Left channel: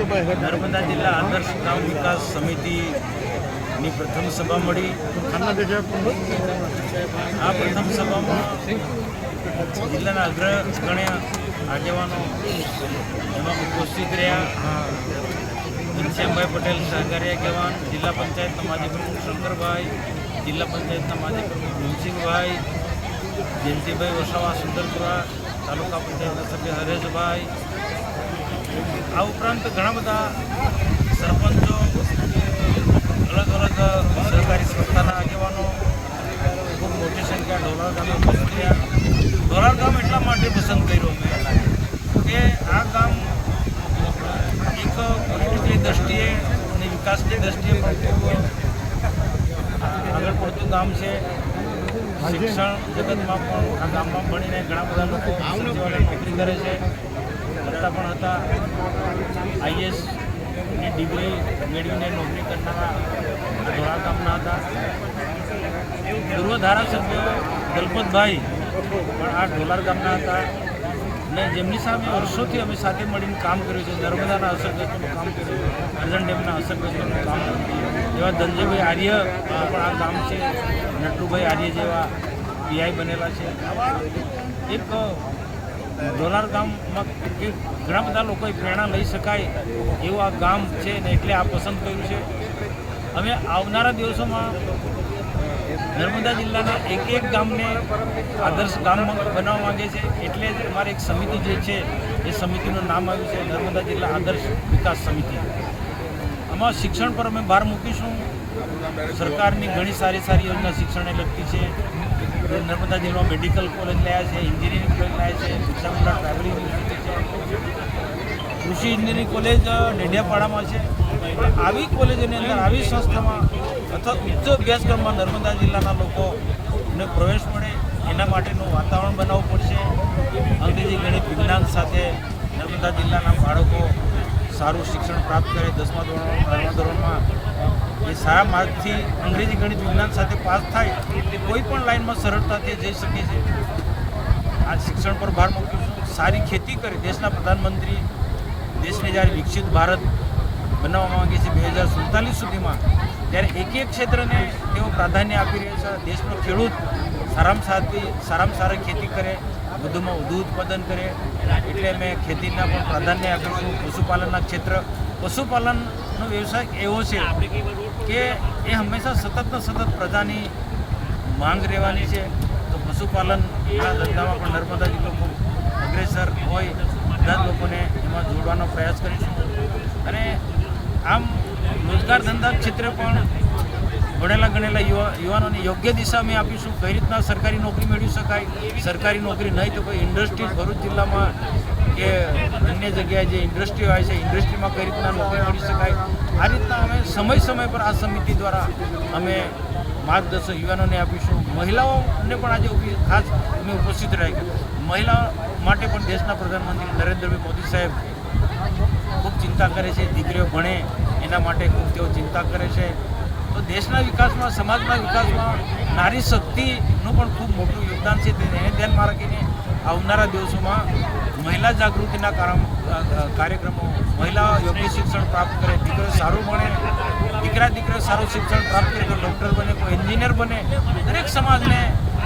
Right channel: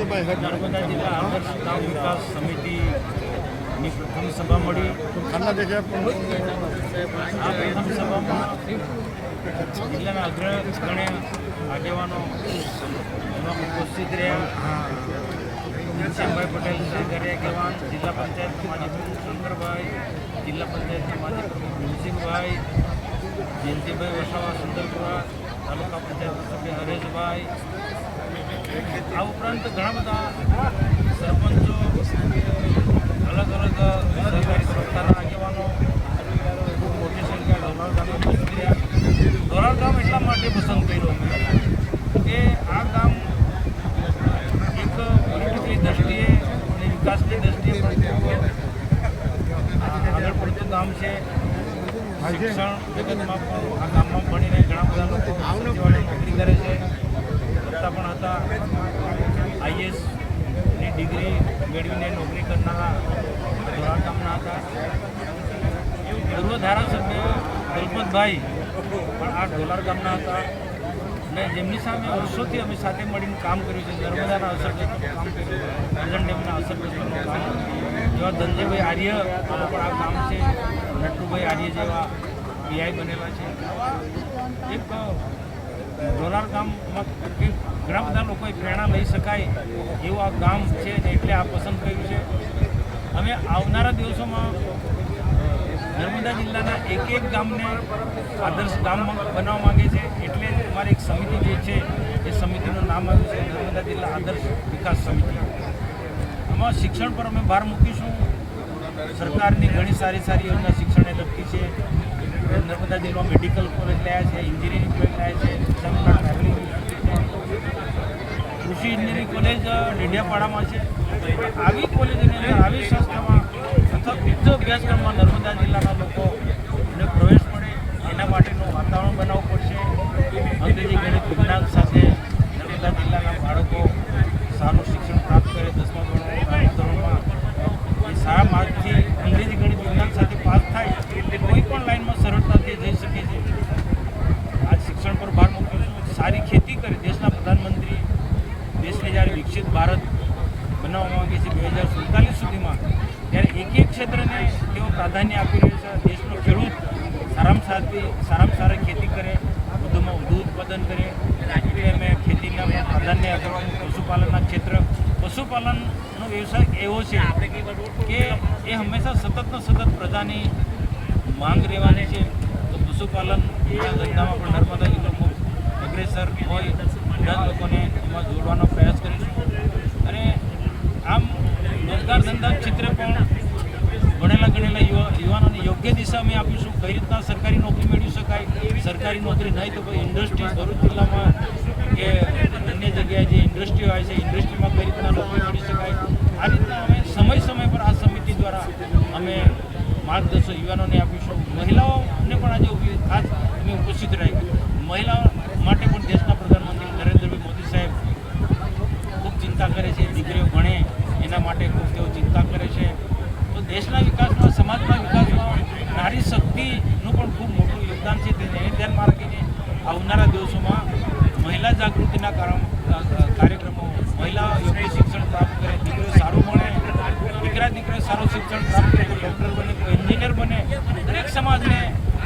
નર્મદા જિલ્લા આદર્શ ગામ વિકાસ સમિતિની પ્રથમ સભા મળી। આ પ્રથમ સભામાં જિલ્લાના અગ્રગણ્ય આગેવાનો એમાં ઉપસ્થિત રહ્યા। ઘનશ્યામભાઈ પટેલ સહકારી આગેવાન, જિલ્લા પંચાયતના માજી પ્રમુખ શંકરભાઈ, જિલ્લા પંચાયતના માજી પ્રમુખ ભીમસિંહભાઈ, જયંતિભાઈ વસાવા સુંદરપુરા, તાલુકા પંચાયતના સભ્ય હરેશભાઈ, આ ઉપરાંત ઘણા બધા સરપંચો, અલગ અલગ સહકારી સંસ્થાના આગેવાનો ખૂબ મોટી સંખ્યા ઢોલાર ગામે ઉપસ્થિત રહ્યા। ઢોલાર ગામ એટલા માટે પસંદ કર્યું અમે કે આ ગામ એક પોલિટિકલી દ્રષ્ટિએ અને વિકાસની દ્રષ્ટિએ પણ ખૂબ આગળ પડતું ગામ છે। શિક્ષણ જગતમાં પણ આ ગામમાં ભણીને ઘણા બધા લોકો સચિવાલય નોકરી કરે છે, કરતા પણ હતા। IASની ડિગ્રી મેળવીને નોકરી કરનારા આ ઢોલાર ગામના હતા। પૂર્વ ધારાસભ્ય દલપતભાઈ પણ આ ઢોલાર ગામના હતા અને જેમની સામે વર્ષોથી અમે સાથે મળીને કામ કર્યું છે। નર્મદાના અસરગ્રસ્તોનું કામ કર્યું છે, કરજણ ડેમના અસરગ્રસ્તોનું કામ કર્યું। એવા ધનજીભાઈ આર્યનું પણ આ ગામ છે, નટુભાઈ આર્ય જેવા PI બનેલા છે। આવા એક ઢોલાર ગામમાં ઘણા બધા લોકોએ પ્રેરણા લઈ શકાય એવું આ ગામ છે ને એટલે આ પસંદ કર્યું છે। અમે આવનારા દિવસોમાં નર્મદા જિલ્લાના એક ગામને આદર્શ ગામ બનાવવા માગે છે, એટલે જ અમારી એક સમિતિ જે છે એ સમિતિનું નામ આવ્યું છે નર્મદા જિલ્લા આદર્શ વિકાસ સમિતિ। આમાં શિક્ષણ પર અમે ભાર મૂકીશું। સરકારની ઘણી સારી યોજના શિક્ષણને લગતી છે। નર્મદા જિલ્લામાં મેડિકલ કોલેજ લાયા છે, એન્જિનિયરિંગ કોલેજ લાયા છે, બિરસા ટ્રાવેલિંગ યુનિવર્સિટી છે, કૃષિ એન્જિનિયરિંગ કોલેજ ડેડિયાપાડામાં છે। પણ આવી કોલેજોની અંદર, આવી સંસ્થામાં અથવા ઉચ્ચ અભ્યાસક્રમમાં નર્મદા જિલ્લાના લોકોને પ્રવેશ મળે એના માટેનું વાતાવરણ બનાવવું પડશે। અંગ્રેજી ગણિત વિજ્ઞાન સાથે નર્મદા જિલ્લાના બાળકો સારું શિક્ષણ પ્રાપ્ત કરે। 10મા ધોરણમાં, 12મા ધોરણમાં એ સારા માર્કથી અંગ્રેજી ગણિત વિજ્ઞાન સાથે પાસ થાય તે કોઈ પણ લાઇનમાં સરળતાથી જઈ શકે છે। આ શિક્ષણ પર ભાર મૂકીશું। સારી ખેતી કરે। દેશના પ્રધાનમંત્રી દેશને જ્યારે વિકસિત ભારત બનાવવા માંગે છે 2047 સુધીમાં, ત્યારે એક ક્ષેત્રને તેઓ પ્રાધાન્ય આપી રહ્યા છે। દેશનો ખેડૂત સારામાં સારી ખેતી કરે, વધુમાં વધુ ઉત્પાદન કરે, એટલે અમે ખેતીના પણ પ્રાધાન્ય આપીશું। પશુપાલનના ક્ષેત્ર, પશુપાલનનો વ્યવસાય એવો છે કે એ હંમેશા સતત પ્રજાની માંગ રહેવાની છે। તો પશુપાલનના ધંધામાં પણ નર્મદા જિલ્લો ખૂબ અગ્રેસર હોય, બધા જ લોકોને એમાં જોડવાનો પ્રયાસ કરીશું। અને આમ રોજગાર ધંધા ક્ષેત્રે પણ ભણેલા ગણેલા યુવાનોને યોગ્ય દિશા અમે આપીશું। કઈ રીતના સરકારી નોકરી મેળવી શકાય, સરકારી નોકરી નહીં તો કોઈ ઇન્ડસ્ટ્રી ભરૂચ જિલ્લામાં કે અન્ય જગ્યાએ જે ઇન્ડસ્ટ્રીઓ આવે છે, ઇન્ડસ્ટ્રીમાં કઈ રીતના નોકરી મળી શકાય, આ રીતના અમે સમય પર આ સમિતિ દ્વારા અમે માર્ગદર્શન યુવાનોને આપીશું। મહિલાઓને પણ આજે ખાસ અમે ઉપસ્થિત રહ્યા। મહિલાઓ માટે પણ દેશના પ્રધાનમંત્રી નરેન્દ્રભાઈ મોદી સાહેબ ખૂબ ચિંતા કરે છે। દીકરીઓ ભણે એના માટે ખૂબ તેઓ ચિંતા કરે છે। તો દેશના વિકાસમાં, સમાજના વિકાસમાં નારી શક્તિનું પણ ખૂબ મોટું યોગદાન છે। તેને ધ્યાનમાં રાખીને આવનારા દિવસોમાં મહિલા જાગૃતિના કાર્યક્રમો, મહિલા યોગ્ય શિક્ષણ પ્રાપ્ત કરે, દીકરીઓ સારું ભણે, દીકરીઓ સારું શિક્ષણ પ્રાપ્ત કરે, કોઈ ડૉક્ટર બને, કોઈ એન્જિનિયર બને, દરેક સમાજને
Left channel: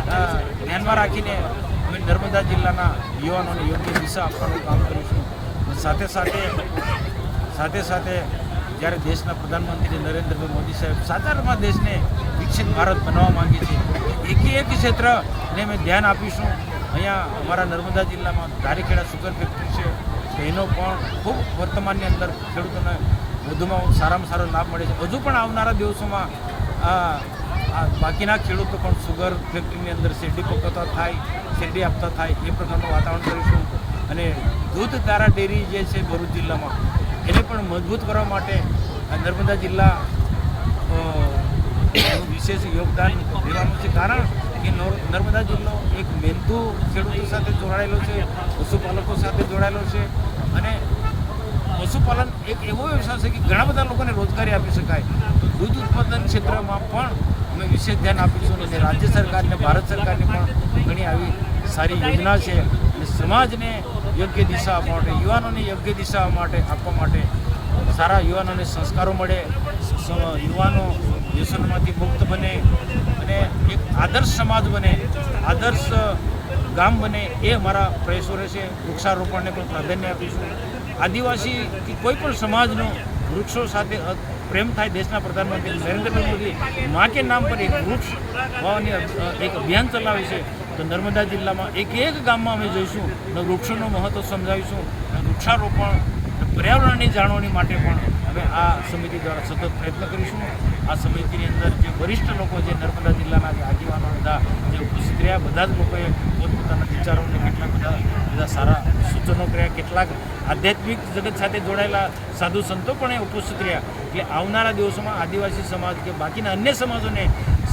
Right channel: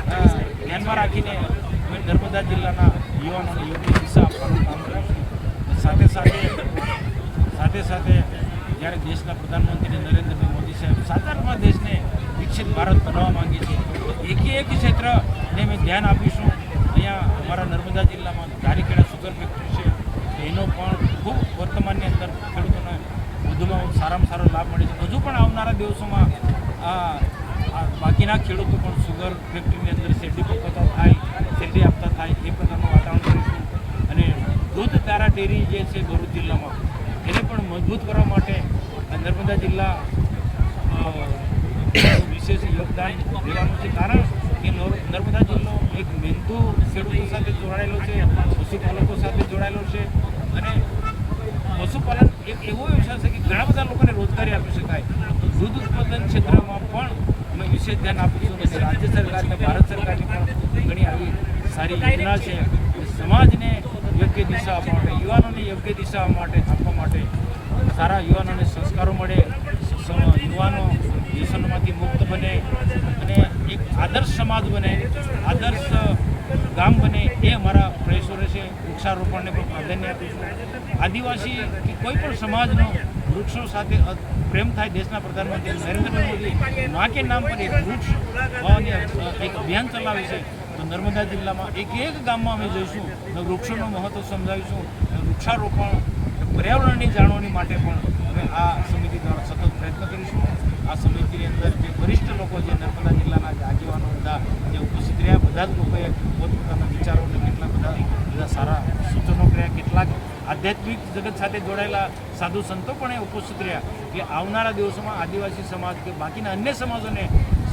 ધ્યાનમાં રાખીને અમે નર્મદા જિલ્લાના યુવાનોને યોગ્ય દિશા આપવાનું કામ કરીશું। સાથે સાથે જ્યારે દેશના પ્રધાનમંત્રી નરેન્દ્રભાઈ મોદી સાહેબ સાચારમાં દેશને વિકસિત ભારત બનાવવા માંગે છે, તો એક ક્ષેત્રને અમે ધ્યાન આપીશું। અહીંયા અમારા નર્મદા જિલ્લામાં ધારીખેડા સુગર ફેક્ટરી છે, એનો પણ ખૂબ વર્તમાનની અંદર ખેડૂતોને વધુમાં સારામાં સારો લાભ મળે છે। હજુ પણ આવનારા દિવસોમાં બાકીના ખેડૂતો પણ સુગર ફેક્ટરીની અંદર શેરડી પકવતા થાય, શેરડી આપતા થાય એ પ્રકારનું વાતાવરણ કરીશું। અને દૂધ ધારા ડેરી જે છે ભરૂચ જિલ્લામાં, એને પણ મજબૂત કરવા માટે નર્મદા જિલ્લા વિશેષ યોગદાન લેવાનું છે। કારણ કે નર્મદા જિલ્લો એક મહેનતુ ખેડૂતો સાથે જોડાયેલો છે, પશુપાલકો સાથે જોડાયેલો છે। અને પશુપાલન એક એવો વ્યવસાય છે કે ઘણા બધા લોકોને રોજગારી આપી શકાય। તો દૂધ ઉત્પાદન ક્ષેત્રમાં પણ અમે વિશેષ ધ્યાન આપીશું। અને રાજ્ય સરકાર અને ભારત સરકારની પણ ઘણી આવી સારી યોજના છે। અને સમાજને યોગ્ય દિશા આપવા માટે, યુવાનોને યોગ્ય દિશા આપવા માટે સારા યુવાનોને સંસ્કારો મળે, યુવાનો વ્યસનોમાંથી મુક્ત બને અને એક આદર્શ સમાજ બને, આદર્શ ગામ બને, એ અમારા પ્રયાસો રહેશે. વૃક્ષારોપણને પણ પ્રાધાન્ય આપીશું. આદિવાસી કે કોઈ પણ સમાજનો વૃક્ષો સાથે પ્રેમ થાય. દેશના પ્રધાનમંત્રી નરેન્દ્રભાઈ મોદી મા કે નામ પર એક વૃક્ષ વાવવાની એક અભિયાન ચલાવે છે. તો નર્મદા જિલ્લામાં એક ગામમાં અમે જઈશું અને વૃક્ષોનું મહત્ત્વ સમજાવીશું. વૃક્ષારોપણ પર્યાવરણની જાળવણી માટે પણ અમે આ સમિતિ દ્વારા સતત પ્રયત્ન કરીશું. આ સમિતિની અંદર જે વરિષ્ઠ લોકો, જે નર્મદા જિલ્લાના જે આગેવાનો બધા જે ઉપસ્થિત રહ્યા, બધા જ લોકોએ પોતપોતાના વિચારોને કેટલાક બધા સારા સૂચનો કર્યા. કેટલાક આધ્યાત્મિક જગત સાથે જોડાયેલા સાધુ સંતો પણ ઉપસ્થિત રહ્યા કે આવનારા દિવસોમાં આદિવાસી સમાજ કે બાકીના અન્ય સમાજોને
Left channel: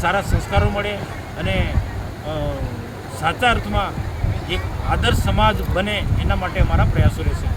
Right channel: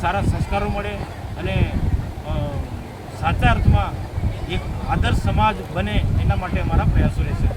સારા સંસ્કારો મળે અને સાચા અર્થમાં એક આદર્શ સમાજ બને, એના માટે અમારા પ્રયાસો રહેશે.